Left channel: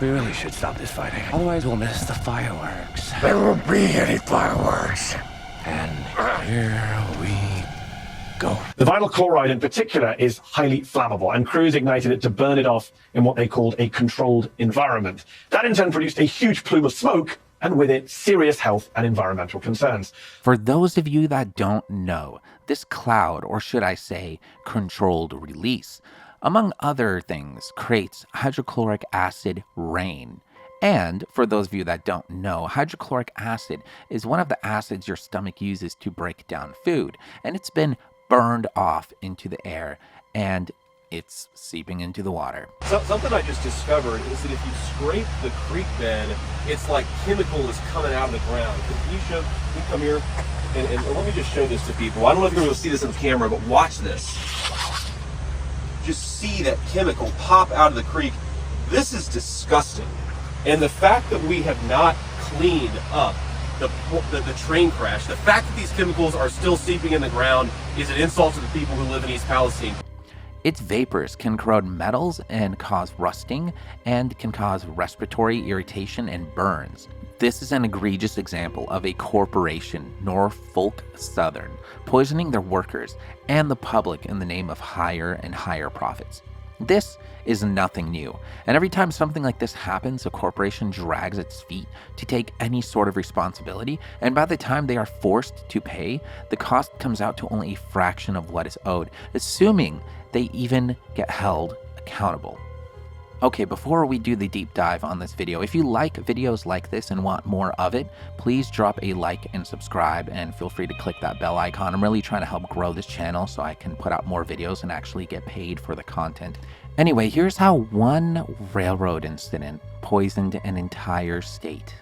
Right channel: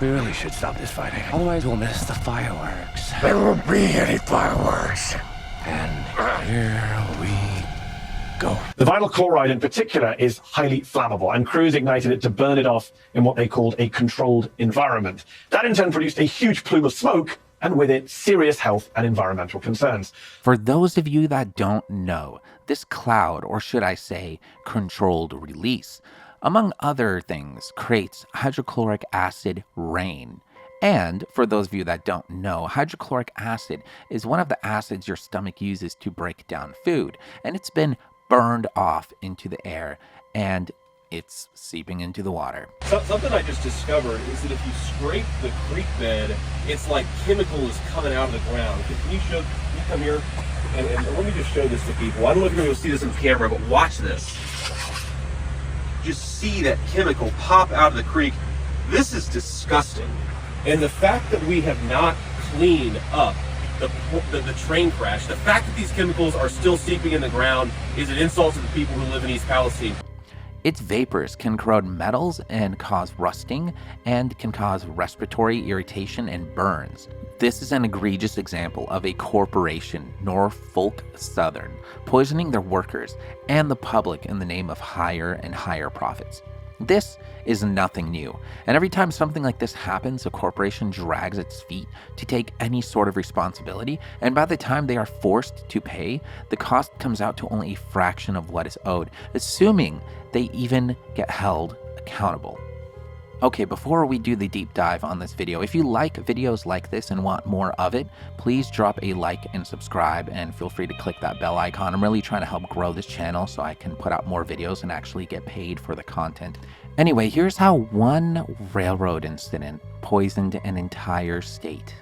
We really should stop this fighting. Otherwise we'll miss the fireworks. There won't be any fireworks. And here we go. The vinyl chloride in particular is highly flammable, and crews ignited it to burn it off in what they called a controlled environment. That in turn produced a huge plume of smoke, and with it, serious health and environmental concerns. For those of you that don't know, this cloud, or should I say, controlled release, among other things, creates hydrochloric acid rain. And for those of you that don't know, hydrochloric acid is one of the acids your stomach uses to break down food, and it's been burned off into the air, and it's seeping into the water. Something I just discovered is that if you scrape the creek bed, it's like chemical is coming out of the ground. Can you come here? And let me just show this to people. I don't know if you're going to see this on camera, but watch this. Just see that chemical pop out of the creek. This is disgusting. And the fact that we have not cleaned up the train crash, the fact that these chemicals are still seeping in the ground is an insult to the people who live in East Palestine. Its vapors can corrode metals and cause rusting, and can cause respiratory irritation and burns. This is an egregious example of a corporation, Norfolk Southern, poisoning their workers and the public in the name of higher and higher profits. This is nothing new, and every time something like this happens, a corporation drags its feet to take any sort of responsibility, and by the time they are forced to pay, the cost comes out to only a fraction of what is owed, assuming they even get held accountable. Okay, before we do the deep dive on this video, if you like videos like this and want more of it, please drop a like and subscribe, and feel free to click that bell icon. I'm really trying to help grow this channel so I can put out more videos and actually get paid for the content. Anyway, here's how one railroad incident poisoned an entire state.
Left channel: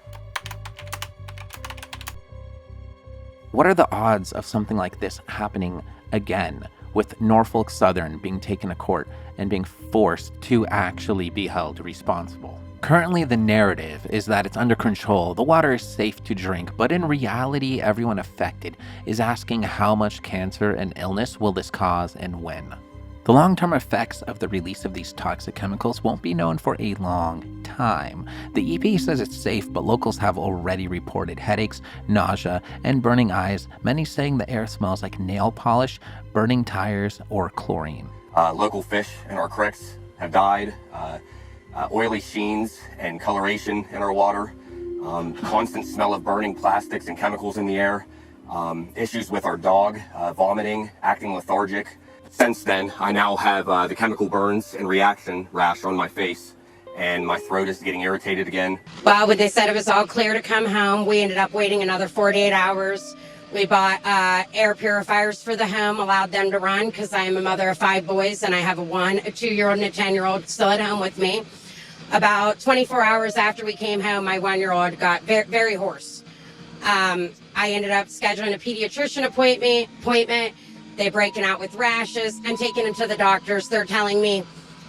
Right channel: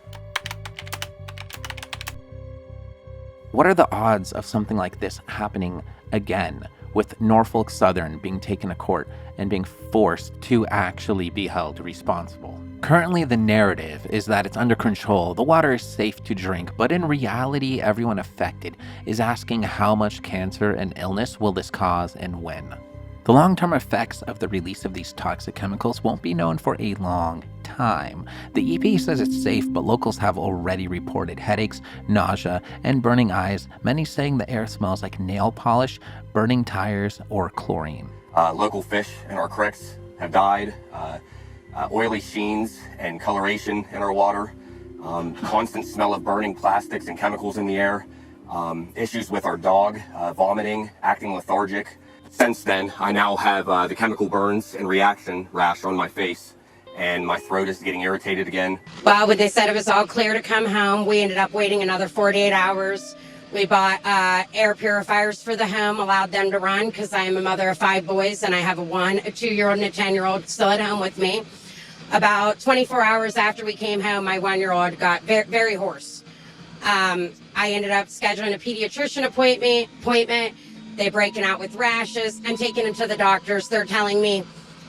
What are the odds of something like this happening again, with Norfolk Southern being taken to court and being forced to actually be held responsible? Currently, the narrative is that it's under control, the water is safe to drink, but in reality, everyone affected is asking how much cancer and illness will this cause and when. The long-term effects of the release of these toxic chemicals won't be known for a long time. The EPA says it's safe, but locals have already reported headaches, nausea, and burning eyes, many saying the air smells like nail polish, burning tires, or chlorine. Local fish in our creeks have died, oily sheens and coloration in our water, constant smell of burning plastics and chemicals in the air, issues with our dog, vomiting, acting lethargic. Since then, I now have the chemical burns and reaction rash on my face, and my throat is getting irritated again. Well, when they said it was all clear to come home, we ended up waiting another 48 hours. We bought air purifiers for the home, allowed them to run, because I am a mother of 5 boys, and I have a 2-year-old and a 10-year-old still at home with me. About 24 hours after we came home, my 1-year-old got very, very hoarse. I ended up scheduling a pediatrician appointment. They're breaking out with rashes. I'm taking them to the doctors. They're telling me,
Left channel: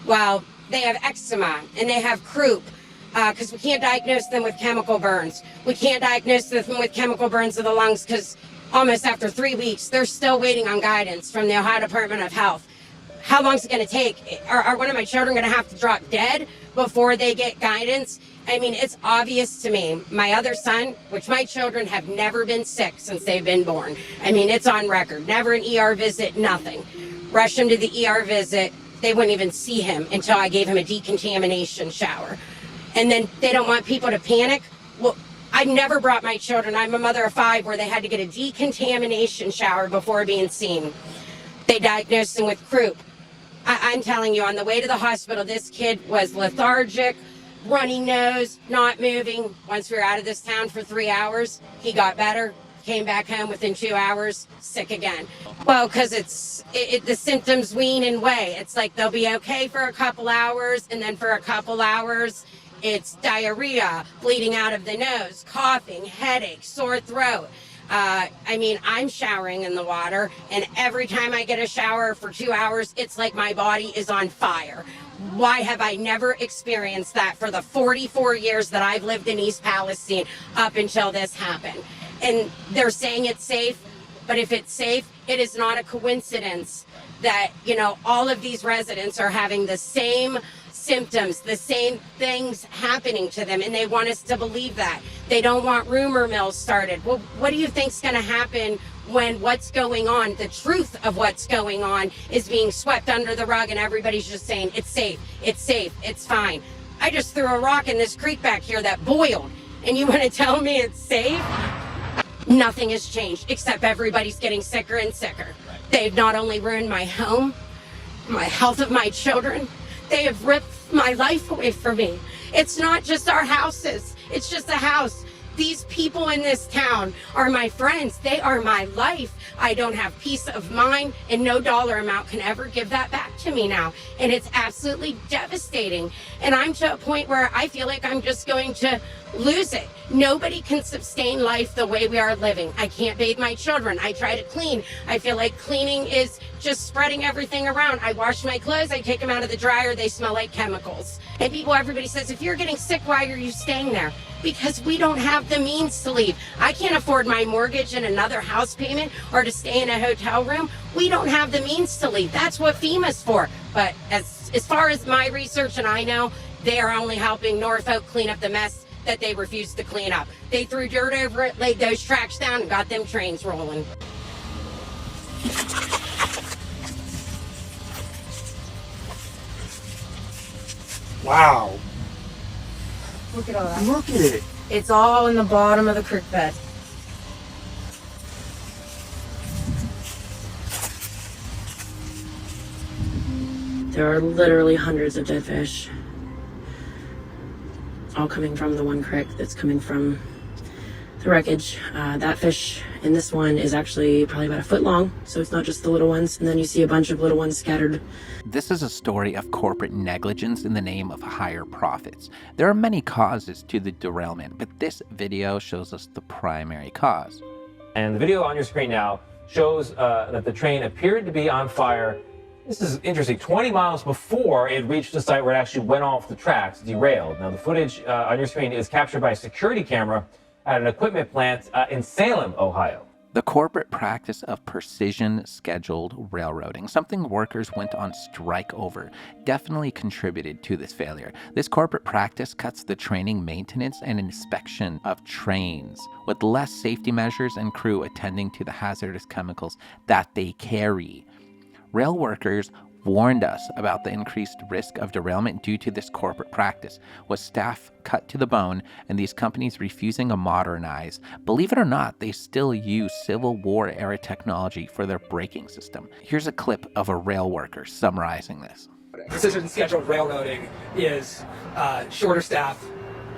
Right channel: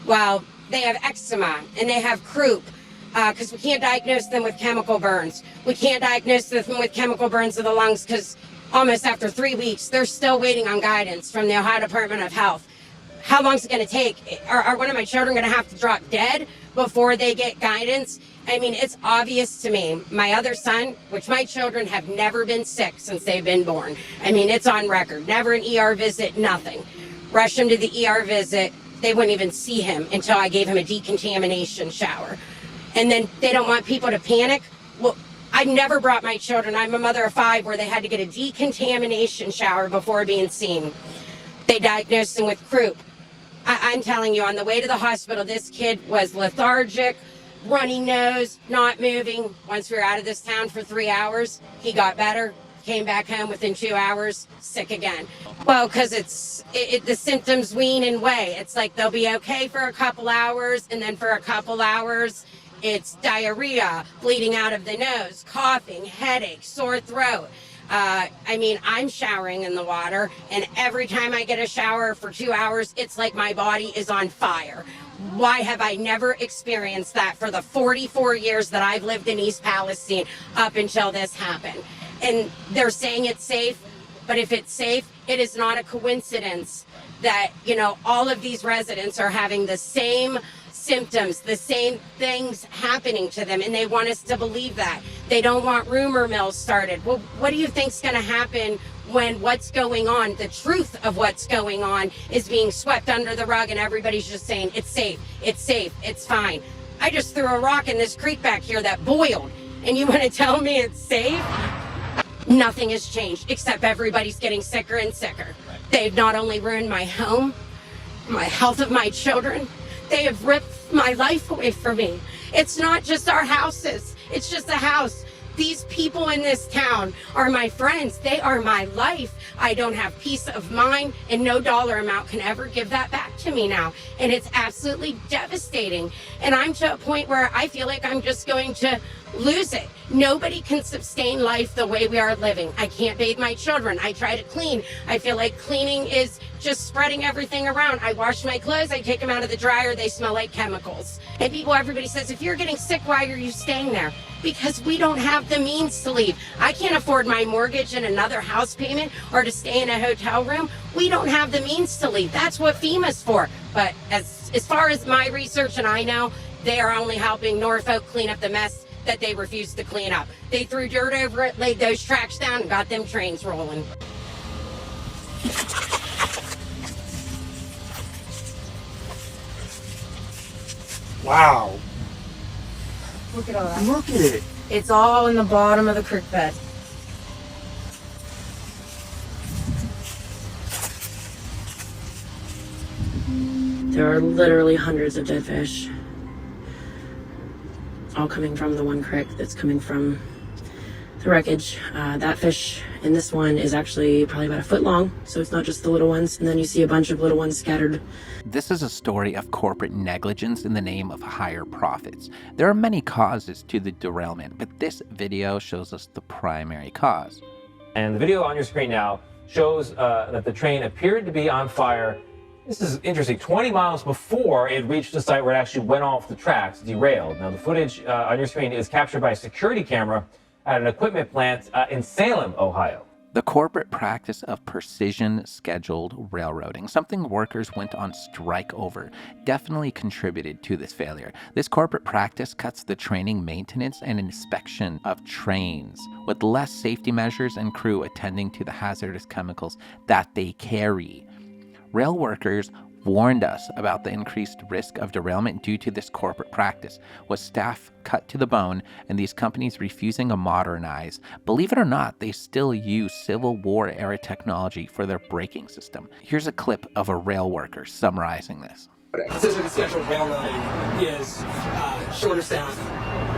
well, they have eczema and they have croup, because we can't diagnose them with chemical burns. We can't diagnose them with chemical burns of the lungs because almost after 3 weeks, they're still waiting on guidance from the Ohio Department of Health. How long is it going to take? Are one of my children going to have to drop dead before they get guidance? I mean, it's obvious to me. My other son, which my children have never been sick since they've been born. I mean, it's on record. Never an ER visit, nothing. Rushed him to the ER visit. They wouldn't even see him until I gave him a decontamination shower. And then they don't want people to panic. Well, I've never brought my children, I'm a mother of 5, where they had to get a decontamination shower before being seen. They diagnosed him with croup. I'm telling you, on the way to the hospital, this kid was lethargic, runny nose, not moving. Once we were out of this town for 3 hours, he got better, came back home within 2 hours, sick again. Well, because the symptoms wane and wane. It's like they'll be okay for a couple hours, and then for a couple hours, it's diarrhea, bleeding out of the nose, coughing, headache, sore throat. I mean, I'm showering in the water, and every time I get a shower for 2 hours, it's like my body is on fire. Why have I never experienced that for the 44 years that I've lived in East Palestine up until this happened? And they're saying it's safe, but if it's safe, it is not a coincidence that, you know, all of these residents are having the same symptoms, the same things happening to them, and they want us to believe that. They don't want rumor mills started. Well, what do you think's going to happen when what's going on, the truth of what's going on, is being swept under the rug and everybody's just saying it's safe, it's fine? I just threw a rock in this creek back here that boiled, and you want to tell me it's safe? Nothing has changed, except everybody's getting sicker and sicker. They've not only ruined my home, my health of my children, they have ripped my life away from me. It's not just our houses, it's just a house. These people in this town are my friends. They are my life. I don't have peace of mind, and no dollar amount can ever give that back to me now. And it's absolutely devastating. And I'm to a point where I feel like I'm just going to lose it. Nobody can sustain life the way we are living. I can't bathe my children. I try to clean. I feel like cleaning is just spreading everything around. I wash my clothes, I take them out of the dryer, they smell like chemicals. And everybody says, if you're getting sick, why are you staying there? Because we don't have the means to leave. I can't afford my mortgage and another house payment or to stay in a hotel room. We don't have the means to leave. That's what FEMA's for. But as far as my research and I know, they are only helping Norfolk clean up the mess that they refused to clean up. They threw dirt over it, laid those tracks down, and got them trains rolling. Wow. Look at all that. Look at it. It's all in the bottom of the creek bed. There are literally hundreds of dead fish, all coming from the one creek that's coming from the wreckage. That fish in this one is actually probably about a foot long, so it's not just the little ones. And then you see a bunch of little ones scattered. This is a story of corporate negligence in the name of higher profits. There are many causes to the derailment, but this video shows us the primary cause. And the video on your screen now shows that the train appeared to be on fire. This is interesting, 20 miles before it reached the site where it actually went off the tracks, derailed. Now the footage on your screen is captured by a security camera at an equipment plant in Salem, Ohio. The corporate practice of precision scheduled railroading, something workers went on strike over, definitely contributed to this failure. This corporate practice cuts the training, maintenance, and inspection of trains with less safety measures and crew attending to the hazardous chemicals that they carry. Rail workers warned us about the increased risk of derailment due to this corporate practice, with staff cut to the bone and these companies refusing to modernize. Believe it or not, they still use Civil War era technology for their braking system. Here's a clip of a rail worker summarizing this. Precision scheduled railroading is shorter staff,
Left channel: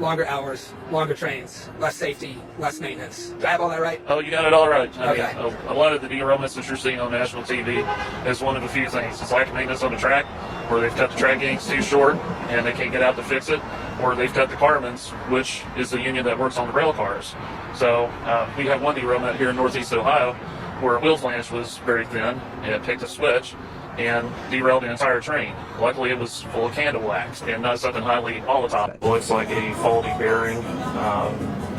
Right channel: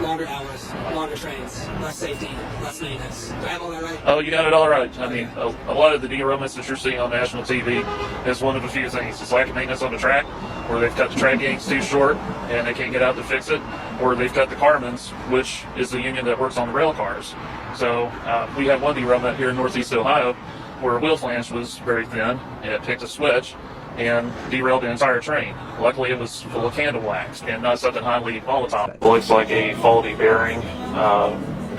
longer hours, longer trains, less safety, less maintenance. Do I have all that right? Oh, you got it all right. I Okay. mean, a lot of the derailments that you're seeing on national TV is one of a few things. It's lack of maintenance on the track, or they've cut the track gangs too short and they can't get out to fix it, or they've cut the carmens, which is the union that works on the rail cars. So we had one derailment here in Northeast Ohio where a wheel flange was very thin and it picked a switch and derailed the entire train. Luckily, it was full of candle wax and not something highly volatile. Looks like a faulty bearing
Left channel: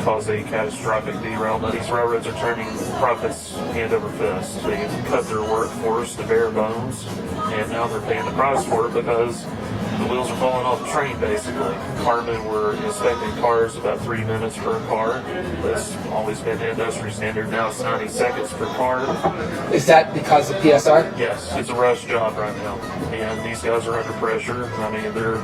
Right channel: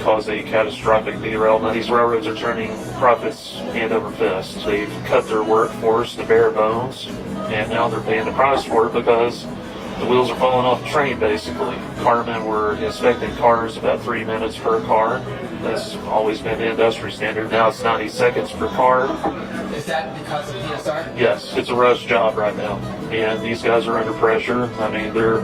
caused a catastrophic derailment. These railroads are turning profits hand over fist. They've cut their workforce to bare bones, and now they're paying the price for it because the wheels are falling off the train, basically. Carmen were inspecting cars about 3 minutes per car. That's always been the industry standard. Now it's 90 seconds per car. Is that because of PSR? Yes, it's a rush job right now, and these guys are under pressure. I mean, they're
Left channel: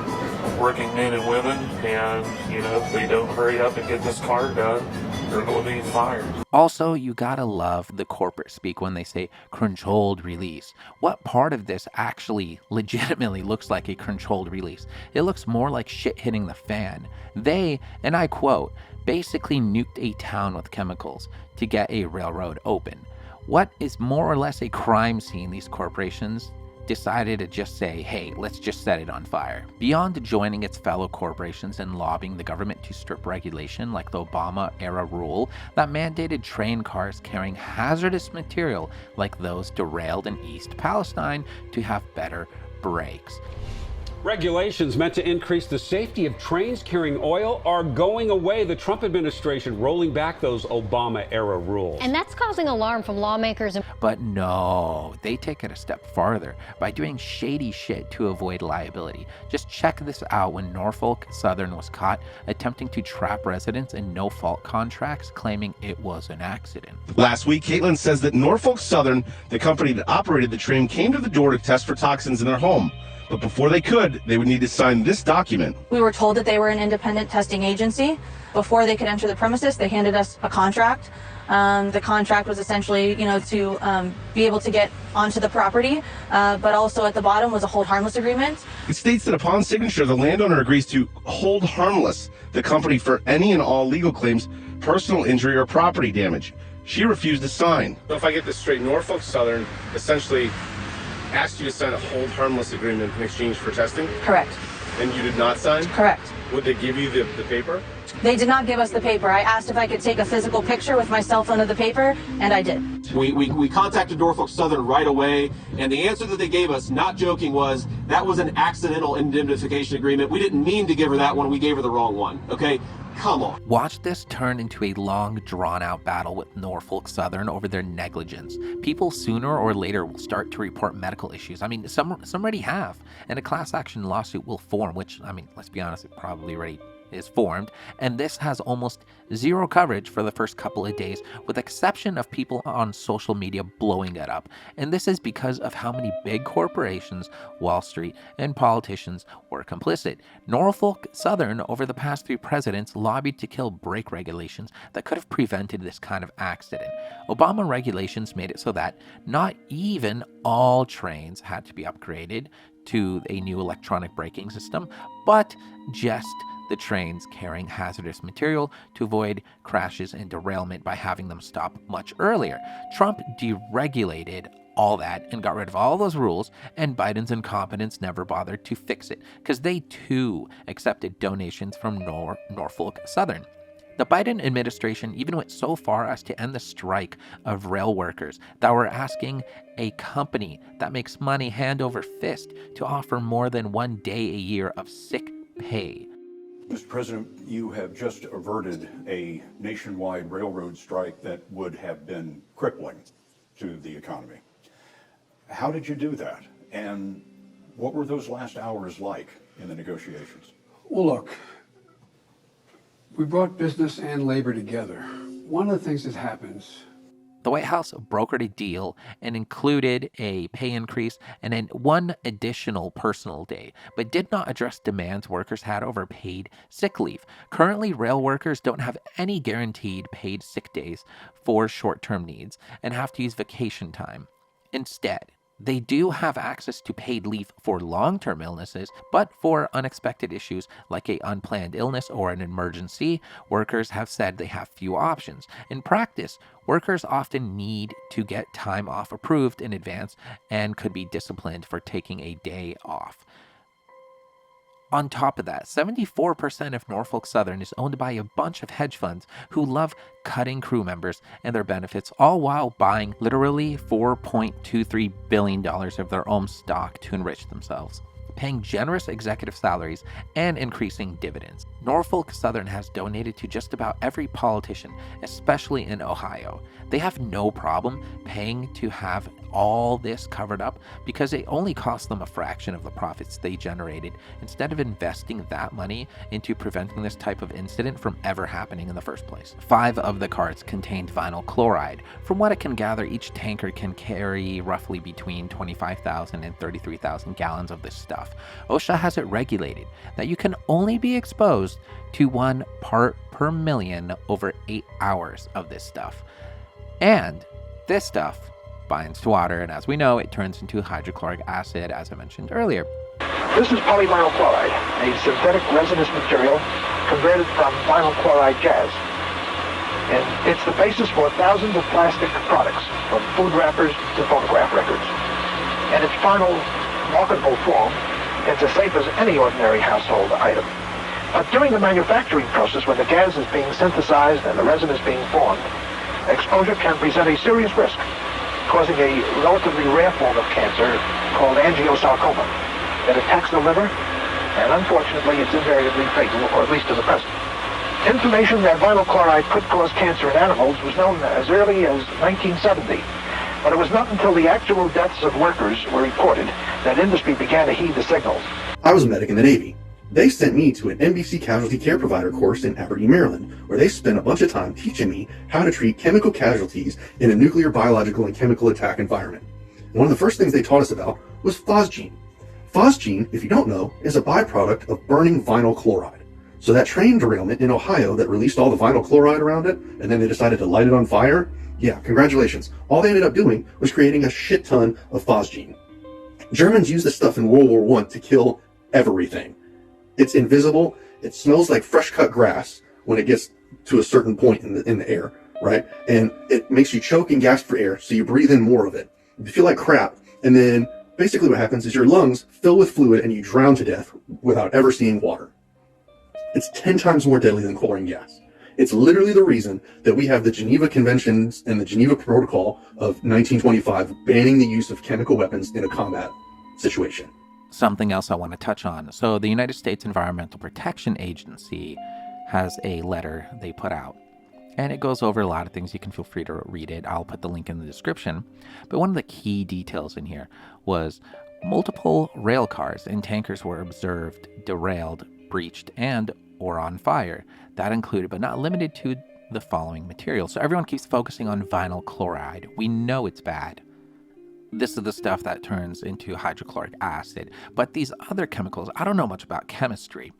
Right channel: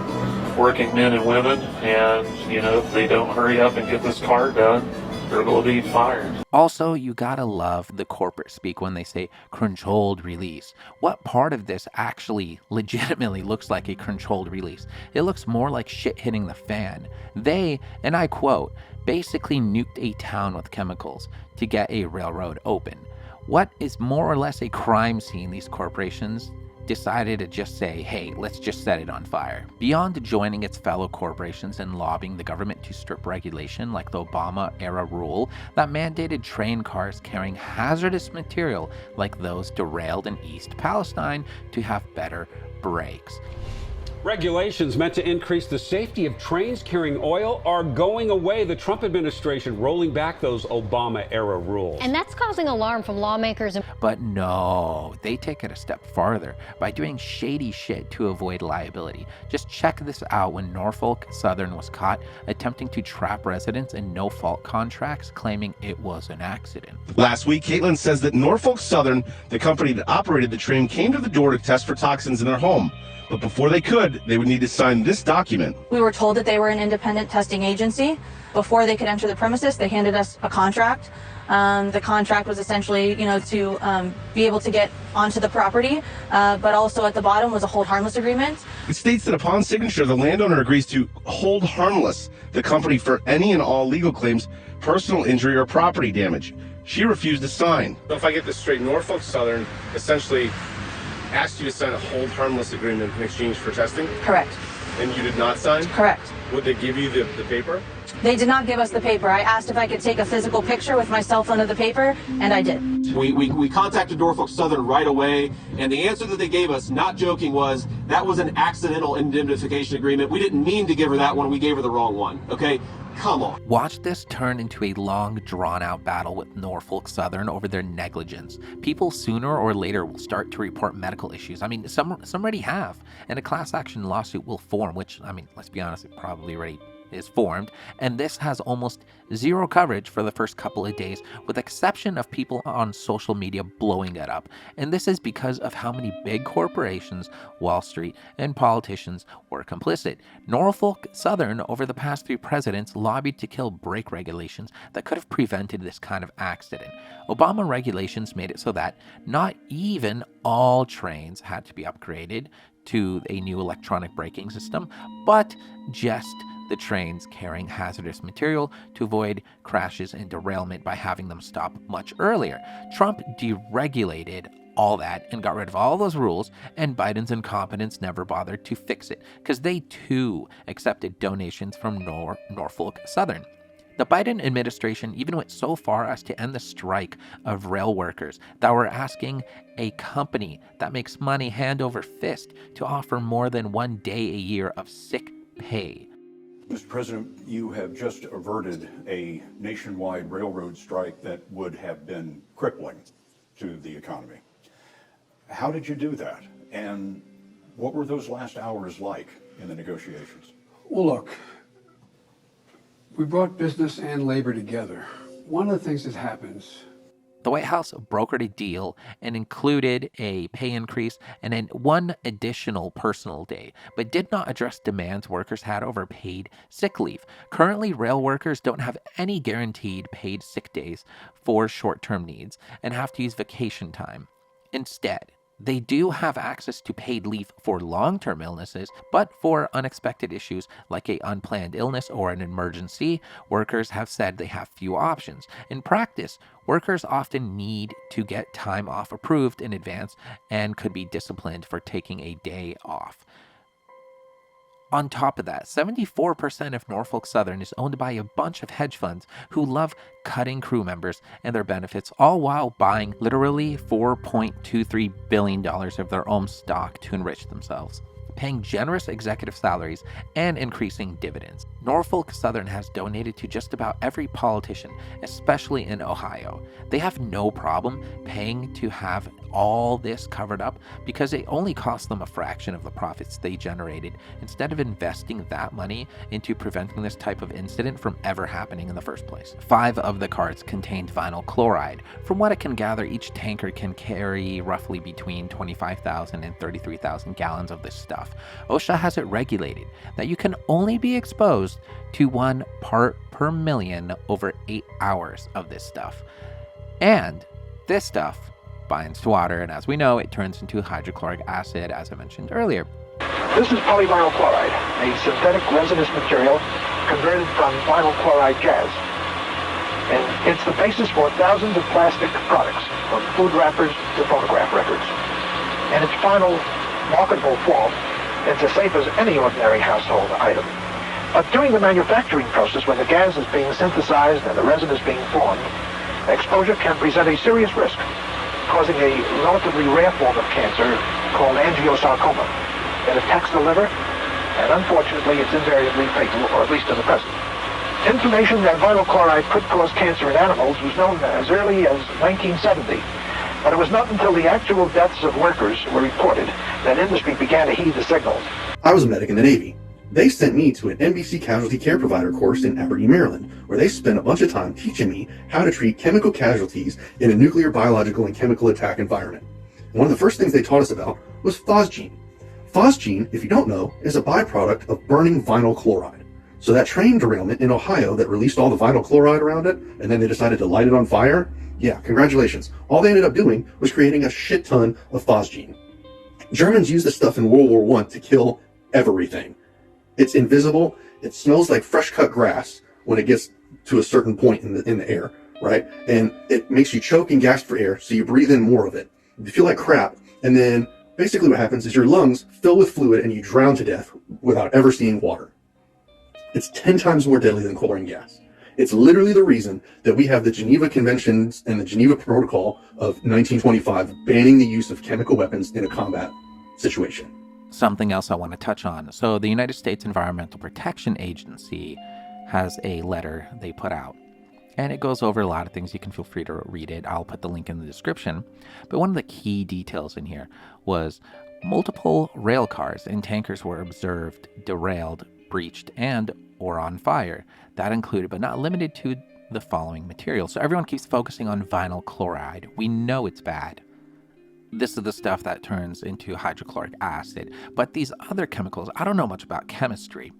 working men and women, and, you know, if they don't hurry up and get this car done, they're going to be fired. Also, you gotta love the corporate speak when they say controlled release. What part of this actually legitimately looks like a controlled release? It looks more like shit hitting the fan. They, and I quote, basically nuked a town with chemicals to get a railroad open. What is more or less a crime scene these corporations decided to just say, hey, let's just set it on fire. Beyond joining its fellow corporations and lobbying the government to strip regulation like the Obama-era rule that mandated train cars carrying hazardous material like those derailed in East Palestine to have better brakes. Regulations meant to increase the safety of trains carrying oil are going away. The Trump administration rolling back those Obama-era rules. And that's causing alarm from lawmakers. But no, they take it a step farther by doing shady shit to avoid liability. Just check this out when Norfolk Southern was caught attempting to trap residents in no-fault contracts, claiming it was an accident. Last week, Caitlin says that Norfolk Southern, the company that operated the train, came to the door to test for toxins in their home. But before they could, they would need to sign this document. We were told that they were an independent testing agency. Before they could enter the premises, they handed us a contract. The contract was essentially, to be able to get onto the property, but also at the bottom was a hold harmless agreement. It states that upon signature, the landowner agrees to hold harmless the company for any and all legal claims, personal injury, or property damage. She refused to sign. So if I get this straight, Norfolk Southern essentially asked you to sign a hold harmless agreement in exchange for testing? Correct. And you did not sign? Correct. Would they give you the paper? They did not give us the paper. I asked if I could take a physical picture with my cell phone of the paper, and I did. We contacted Norfolk Southern right away, and the answer that they gave us, not joking, was that was an accidental indemnification agreement. We didn't mean to give her that one. We gave her the wrong one. Okay? Come on. Watch this turn into a long, drawn-out battle with Norfolk Southern over their negligence. People sooner or later will start to report medical issues. I mean, some already have, and a class action lawsuit will form, which, I mean, let's be honest, it probably already is formed, and this has almost zero coverage for the first couple of days, with the exception of people on social media blowing it up. And this is because of how many big corporations, Wall Street, and politicians were complicit. Norfolk Southern, over the past 3 presidents, lobbied to kill brake regulations that could have prevented this kind of accident. Obama regulations made it so that not even all trains had to be upgraded to a new electronic braking system, but just the trains carrying hazardous material to avoid crashes and derailment by having them stop much earlier. Trump deregulated all that and got rid of all those rules, and Biden's incompetence never bothered to fix it because they too accepted donations from Norfolk Southern. The Biden administration even went so far as to end the strike of rail workers that were asking a company that makes money hand over fist to offer more than 1 day a year of sick pay. Mr. President, you have just averted a nationwide railroad strike that would have been crippling to the economy. How did you do that? And what were those last hours like in the negotiations? Well, look, we brought business and labor together. One of the things that happens, the White House brokered a deal and included a pay increase and then 1 additional personal day, but did not address demands workers had over paid sick leave. Currently, rail workers don't have any guaranteed paid sick days for short-term needs and have to use vacation time. Instead, they do have access to paid leave for long-term illnesses, but for unexpected issues like an unplanned illness or an emergency, workers have said they have few options. In practice, workers often need to get time off approved in advance and could be disciplined for taking a day off. On top of that, 74% of Norfolk Southern is owned by a bunch of hedge funds who love cutting crew members and their benefits, all while buying literally $4.23 billion of their own stock to enrich themselves, paying generous executive salaries and increasing dividends. Norfolk Southern has donated to just about every politician, especially in Ohio. They have no problem paying to have all this covered up because it only cost them a fraction of the profits they generated instead of investing that money into preventing this type of incident from ever happening in the first place. 5 of the carts contained vinyl chloride. From what it can gather, each tanker can carry roughly between 25,000 and 33,000 gallons of this stuff. OSHA has it regulated that you can only be exposed to 1 part per million over 8 hours of this stuff. And this stuff binds to water, and as we know, it turns into hydrochloric acid, as I mentioned earlier. This is polyvinyl chloride, a synthetic resinous material converted from vinyl chloride gas. And it's the basis for thousands of plastic products, from food wrappers to phonograph records. In its final marketable form, it's as safe as any ordinary household item. But during the manufacturing process, when the gas is being synthesized and the resin is being formed, exposure can present a serious risk, causing a relatively rare form of cancer called angiosarcoma. It attacks the liver and unfortunately it's invariably fatal, or at least to the present. Information that vinyl chloride could cause cancer in animals was known as early as 1970, but it was not until the actual deaths of workers were reported that industry began to heed the signals. I was a medic in the Navy. They sent me to an NBC casualty care provider course in Aberdeen, Maryland, where they spent a bunch of time teaching me how to treat chemical casualties in a nuclear, biological, and chemical attack environment. And one of the first things they taught us about was phosgene. Phosgene, if you don't know, is a byproduct of burning vinyl chloride. So that train derailment in Ohio that released all the vinyl chloride around it, and then they decided to light it on fire, yeah, congratulations. All they ended up doing was creating a shit ton of phosgene. Germans used this stuff in World War I to kill everything. It's invisible. It smells like fresh cut grass when it gets to a certain point in the air, right? And it makes you choke and gasp for air, so you breathe in more of it. You feel like crap, and then basically what happens is your lungs fill with fluid and you drown to death without ever seeing water. It's 10 times more deadly than chlorine gas. It's literally the reason that we have the Geneva Conventions and the Geneva Protocol of 1925 banning the use of chemical weapons in a combat situation. Something else I want to touch on. So the United States Environmental Protection Agency has a letter they put out, and it goes over a lot of things. You can feel free to read it. I'll put the link in the description. But one of the key details in here was multiple rail cars and tankers were observed derailed, breached, and or on fire. That included, but not limited to, the following materials. So everyone keeps focusing on vinyl chloride. We know it's bad. This is the stuff that turns into hydrochloric acid. But these other chemicals, I don't know much about chemistry.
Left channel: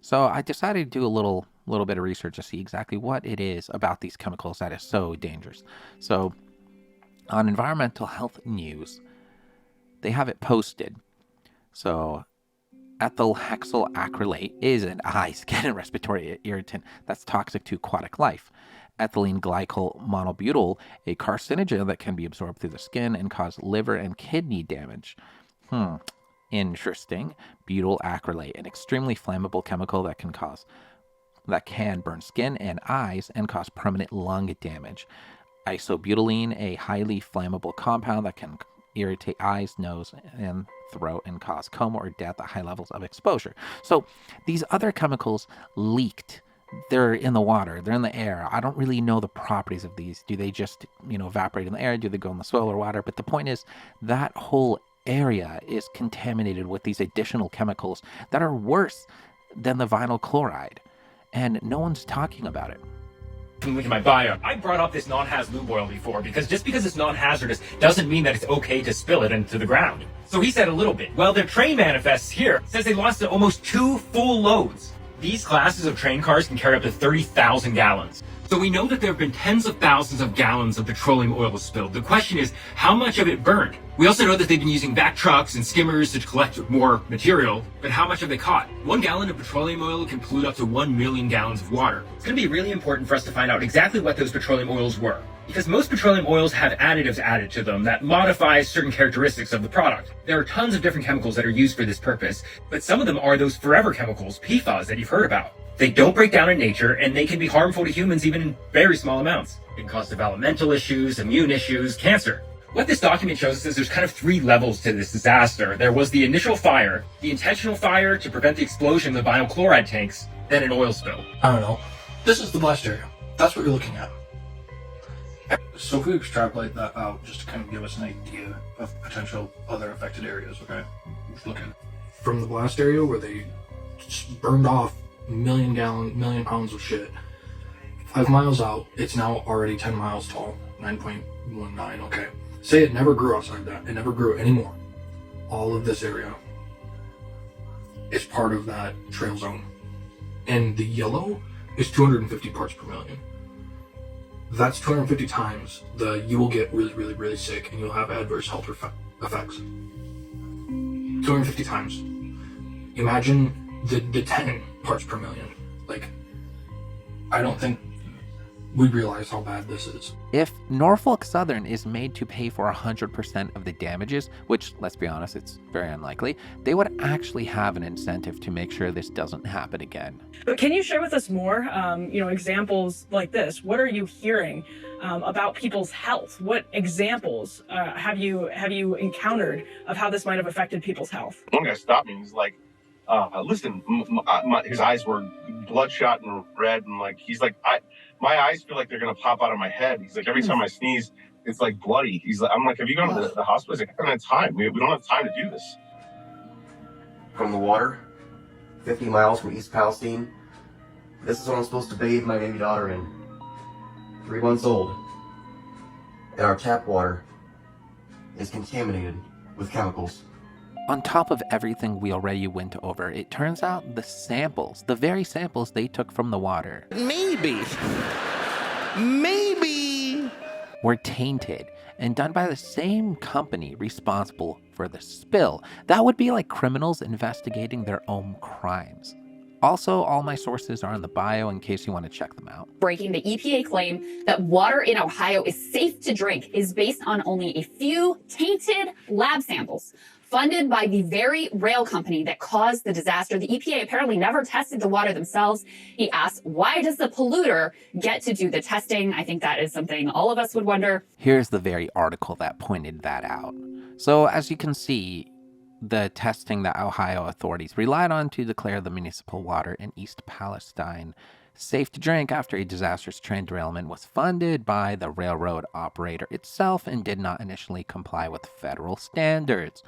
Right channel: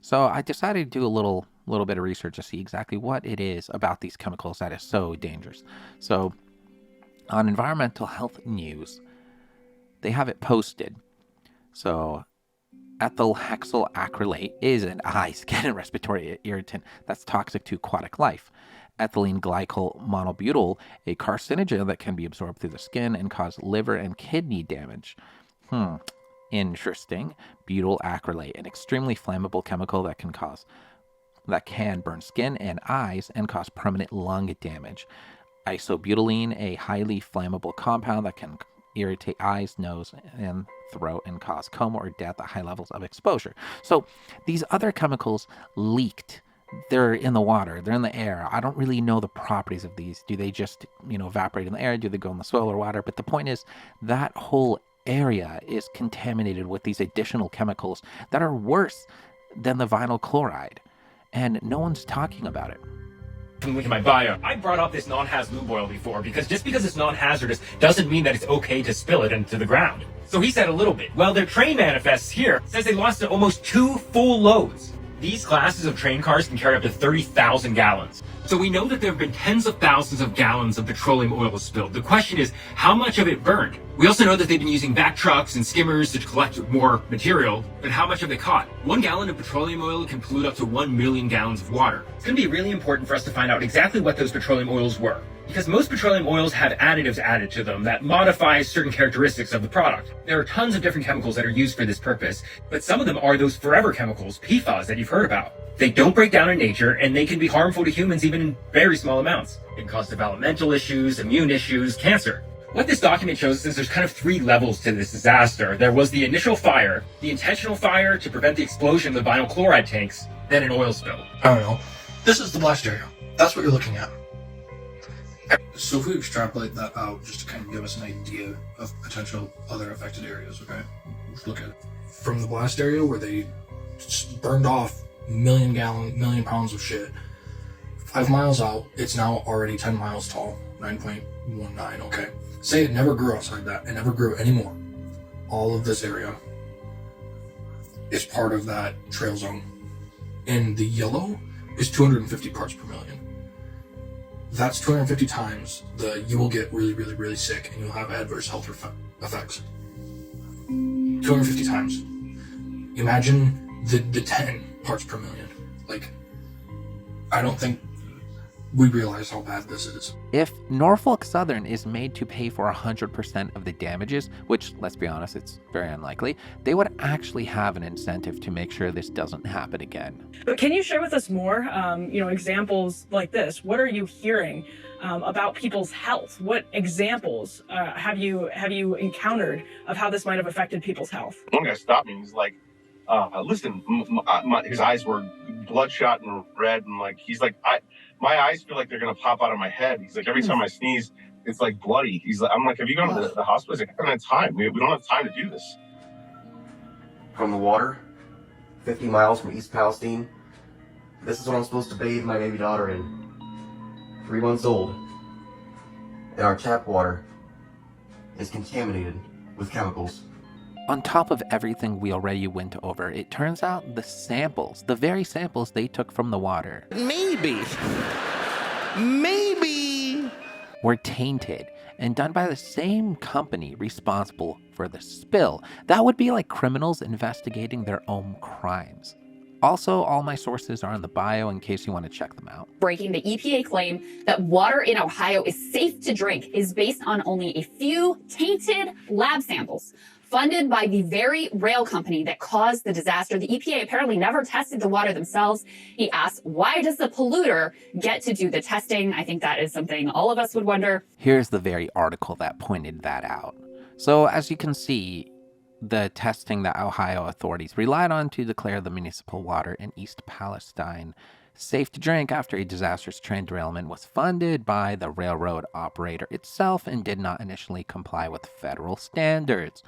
So I decided to do a little bit of research to see exactly what it is about these chemicals that is so dangerous. So on Environmental Health News, they have it posted. So ethyl hexyl acrylate is an eye, skin, and respiratory irritant that's toxic to aquatic life. Ethylene glycol monobutyl, a carcinogen that can be absorbed through the skin and cause liver and kidney damage. Interesting. Butyl acrylate, an extremely flammable chemical that can burn skin and eyes and cause permanent lung damage. Isobutylene, a highly flammable compound that can irritate eyes, nose, and throat and cause coma or death at high levels of exposure. So these other chemicals leaked. They're in the water, they're in the air. I don't really know the properties of these. Do they just, evaporate in the air? Do they go in the soil or water? But the point is that whole area is contaminated with these additional chemicals that are worse than the vinyl chloride. And no one's talking about it. Look at my bio. I brought up this non-haz lube oil before because just because it's non-hazardous doesn't mean that it's okay to spill it into the ground. So he said a little bit. Well, their train manifests here says they lost almost 2 full loads. These classes of train cars can carry up to 30,000 gallons. So we know that there have been tens of thousands of gallons of petroleum oil spilled. The question is, how much of it burned? We also know that they've been using vac trucks and skimmers to collect more material, but how much have they caught? 1 gallon of petroleum oil can pollute up to 1 million gallons of water. It's going to be really important for us to find out exactly what those petroleum oils were, because most petroleum oils have additives added to them that modify certain characteristics of the product. There are tons of different chemicals that are used for this purpose, but some of them are those forever chemicals, PFAS, that you've heard about. They don't break down in nature, and they can be harmful to humans even in very small amounts. It can cause developmental issues, immune issues, cancer. What this document shows us is there's kind of 3 levels to this disaster. There was the initial fire, the intentional fire to prevent the explosion of the vinyl chloride tanks, then an oil spill. I don't know. This is the blast area. That's what you're looking at. So if we extrapolate that out, just to kind of give us an idea of potential other affected areas, okay? Let's look at it. From the blast area where they just burned off million pounds of shit. 5 miles out, it's now already 10 miles tall, 9.19, okay. Say it never grew outside that, it never grew anymore. All of this area is part of that trail zone. And the yellow is 250 parts per million. That's 250 times you will get really, really, really sick and you'll have adverse health effects. 250 times. Imagine the 10 parts per million. Like, I don't think we realize how bad this is. If Norfolk Southern is made to pay for 100% of the damages, which, let's be honest, it's very unlikely, they would actually have an incentive to make sure this doesn't happen again. But can you share with us more, examples like this? What are you hearing about people's health? What examples have you encountered of how this might have affected people's health? One guy stopped me and he's like, listen, his eyes were bloodshot and red, and like he's like, my eyes feel like they're gonna pop out of my head. He's like, every time I sneeze, it's like bloody. He's like, I'm like, have you gone to the hospital? He's like, I don't have time. We don't have time to do this. From the water, 50 miles from East Palestine. This is what I'm supposed to bathe my baby daughter in. 3 months old. And our tap water is contaminated with chemicals. On top of everything we already went over, it turns out the samples, the very samples they took from the water, maybe, were tainted and done by the same company responsible for the spill. That would be like criminals investigating their own crimes. Also, all my sources are in the bio in case you want to check them out. Breaking the EPA claim that water in Ohio is safe to drink is based on only a few tainted lab samples funded by the very rail company that caused the disaster. The EPA apparently never tested the water themselves. He asked, why does the polluter get to do the testing? I think that is something all of us would wonder. Here's the very article that pointed that out. So as you can see, the testing that Ohio authorities relied on to declare the municipal water in East Palestine safe to drink after a disastrous train derailment was funded by the railroad operator itself and did not initially comply with federal standards.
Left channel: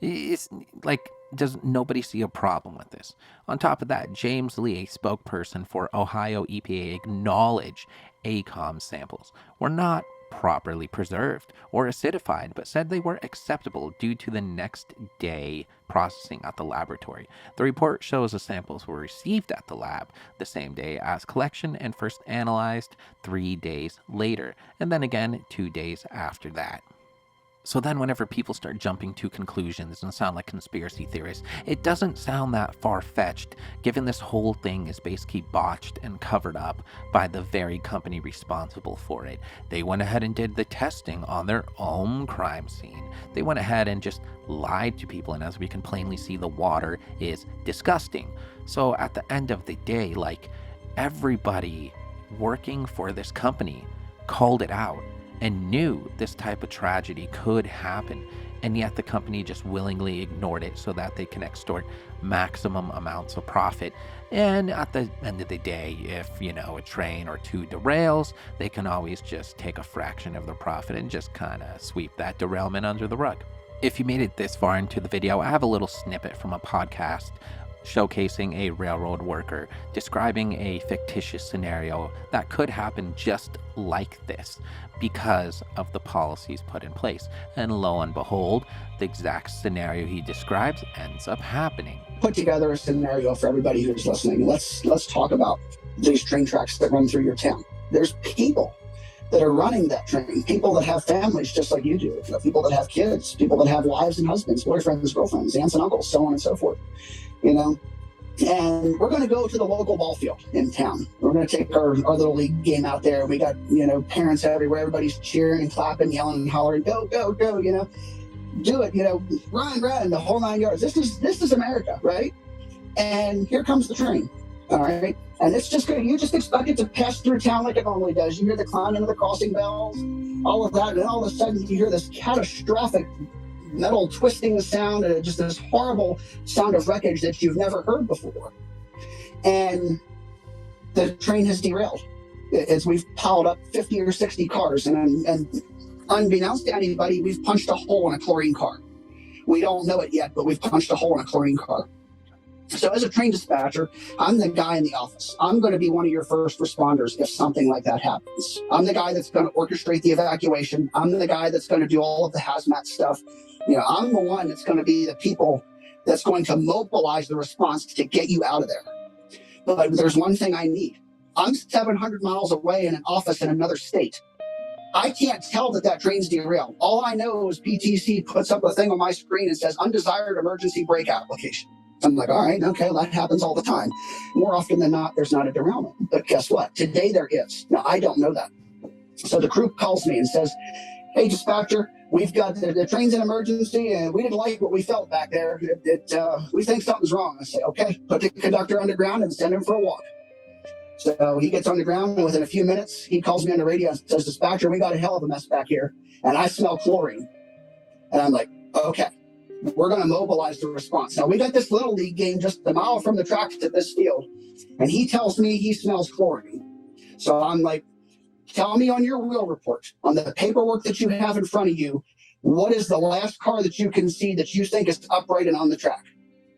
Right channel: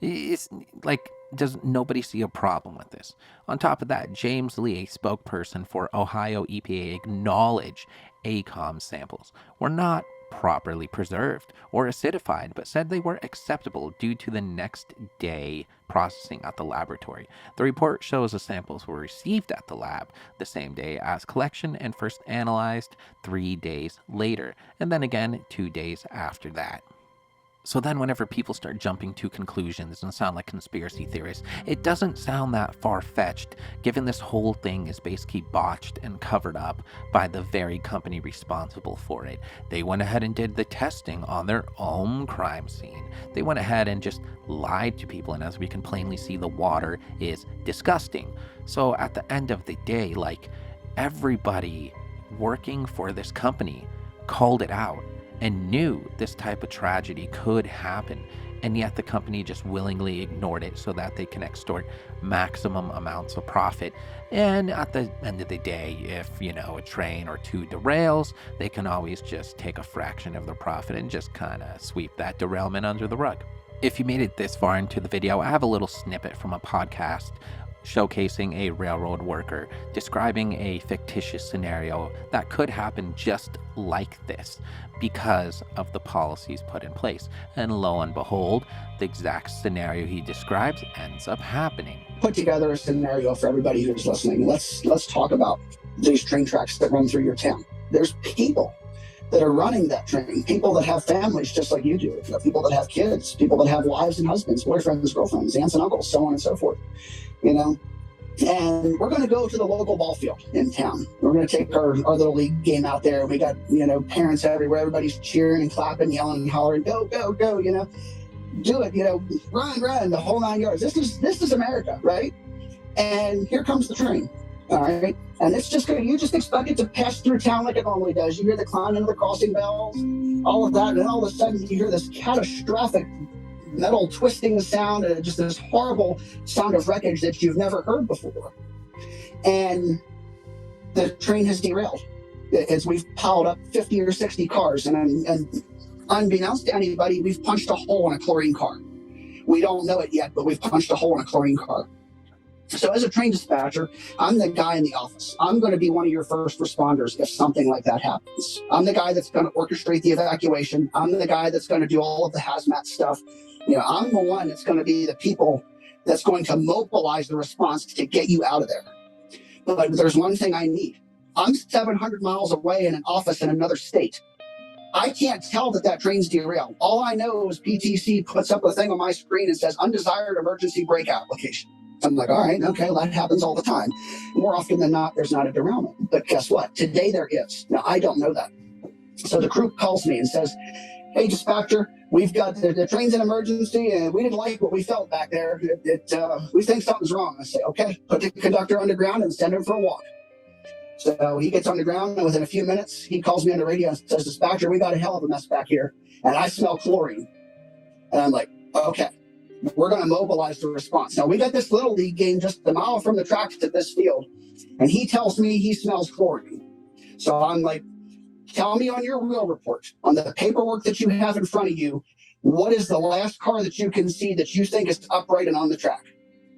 It's like, does nobody see a problem with this? On top of that, James Lee, a spokesperson for Ohio EPA, acknowledged ACOM samples were not properly preserved or acidified, but said they were acceptable due to the next day processing at the laboratory. The report shows the samples were received at the lab the same day as collection and first analyzed 3 days later, and then again 2 days after that. So then whenever people start jumping to conclusions and sound like conspiracy theorists, it doesn't sound that far-fetched, given this whole thing is basically botched and covered up by the very company responsible for it. They went ahead and did the testing on their own crime scene. They went ahead and just lied to people, and as we can plainly see, the water is disgusting. So at the end of the day, like, everybody working for this company called it out and knew this type of tragedy could happen, and yet the company just willingly ignored it so that they can extort maximum amounts of profit. And at the end of the day, if, a train or two derails, they can always just take a fraction of the profit and just kind of sweep that derailment under the rug. If you made it this far into the video, I have a little snippet from a podcast showcasing a railroad worker describing a fictitious scenario that could happen just like this because of the policies put in place. And lo and behold, the exact scenario he describes ends up happening. Put together a scenario for everybody who's listening. Let's talk about these train tracks that run through your town. There's people that are running that train, people that have families just like you do, people that have kids, people that have wives and husbands, boyfriends, girlfriends, aunts and uncles, so on and so forth. And we're going to go to the local ball field in town. We're going to take our little league game out there. We got, parents everywhere. Everybody's cheering and clapping, yelling and hollering, go, go, go, do it, run, the whole 9 yards. This is America, right? And here comes the train. All right. And it's just good. You just expect it to pass through town like it normally does. You hear the clanging of the crossing bells, all of that. And all of a sudden you hear this catastrophic metal twisting sound and just this horrible sound of wreckage that you've never heard before. And the train has derailed as we've piled up 50 or 60 cars. And unbeknownst to anybody, we've punched a hole in a chlorine car. We don't know it yet, but we've punched a hole in a chlorine car. So as a train dispatcher, I'm the guy in the office. I'm going to be one of your first responders if something like that happens. I'm the guy that's going to orchestrate the evacuation. I'm the guy that's going to do all of the hazmat stuff. I'm the one that's going to be the people that's going to mobilize the response to get you out of there. But there's one thing I need. I'm 700 miles away in an office in another state. I can't tell that train's derailed. All I know is PTC puts up a thing on my screen and says undesired emergency brake application. I'm like, all right, okay, well, that happens all the time. More often than not, there's not a derailment. But guess what? Today there is. Now, I don't know that. So the crew calls me and says, hey, dispatcher, we've got the train's in emergency and we didn't like what we felt back there. We think something's wrong. I say, okay, put the conductor underground and send him for a walk. So he gets underground and within a few minutes, he calls me on the radio and says, dispatcher, we got a hell of a mess back here. And I smell chlorine. And I'm like, okay. We're going to mobilize the response. Now, we got this little league game just a mile from the tracks to this field, and he tells me he smells chlorine. So I'm like, tell me on your wheel report, on the paperwork that you have in front of you, what is the last car that you can see that you think is upright and on the track?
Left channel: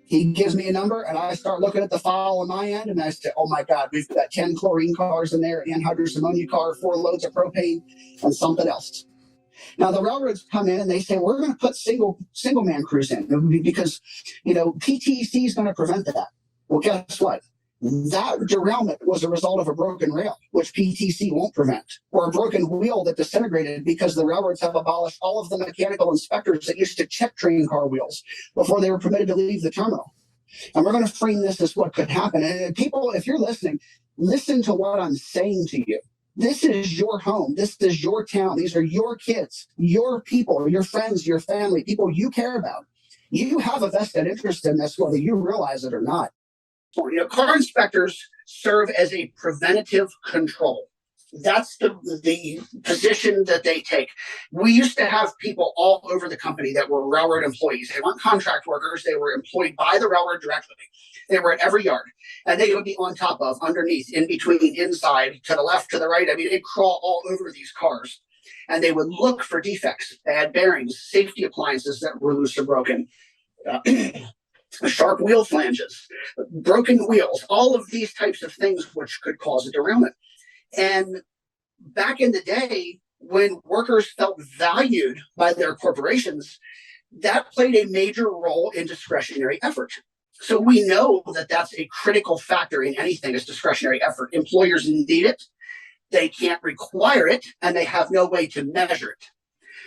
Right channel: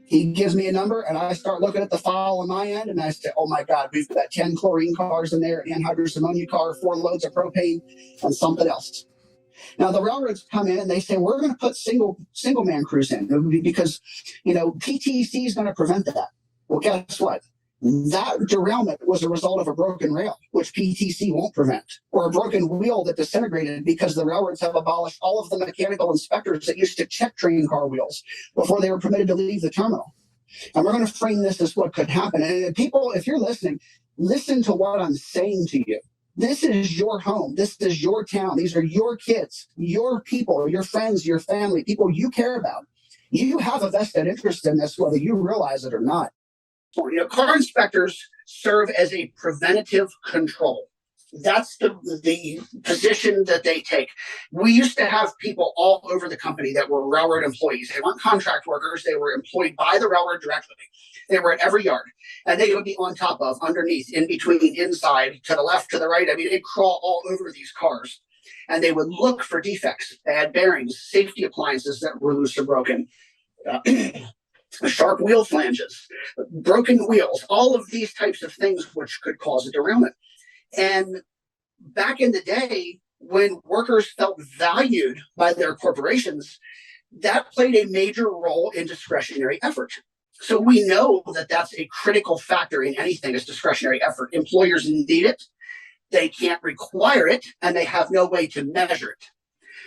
He gives me a number, and I start looking at the file on my end, and I say, oh my God, we've got 10 chlorine cars in there, an anhydrous ammonia car, 4 loads of propane, and something else. Now the railroads come in and they say, we're going to put single man crews in because, PTC is going to prevent that. Well, guess what? That derailment was a result of a broken rail, which PTC won't prevent, or a broken wheel that disintegrated because the railroads have abolished all of the mechanical inspectors that used to check train car wheels before they were permitted to leave the terminal. And we're going to frame this as what could happen. And people, if you're listening, listen to what I'm saying to you. This is your home. This is your town. These are your kids, your people, your friends, your family, people you care about. You have a vested interest in this, whether you realize it or not. Car inspectors serve as a preventative control. That's the position that they take. We used to have people all over the company that were railroad employees. They weren't contract workers. They were employed by the railroad directly. They were at every yard, and they would be on top of, underneath, in between, inside, to the left, to the right. I mean, they'd crawl all over these cars, and they would look for defects, bad bearings, safety appliances that were loose or broken. Sharp wheel flanges, broken wheels, all of these types of things which could cause a derailment. And back in the day, when workers felt valued by their corporations, that played a major role in discretionary effort. So we know that that's a critical factor in anything is discretionary effort. Employers need it, they can't require it, and they have no way to measure it.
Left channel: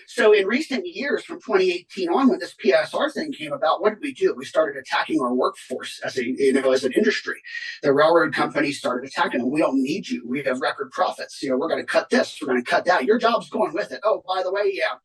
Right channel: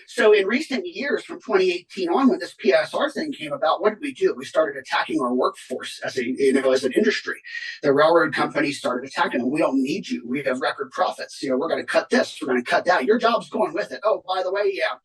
So in recent years, from 2018 on, when this PSR thing came about, what did we do? We started attacking our workforce as an industry. The railroad companies started attacking them. We don't need you. We have record profits. We're going to cut this. We're going to cut that. Your job's going with it. Oh, by the way, yeah,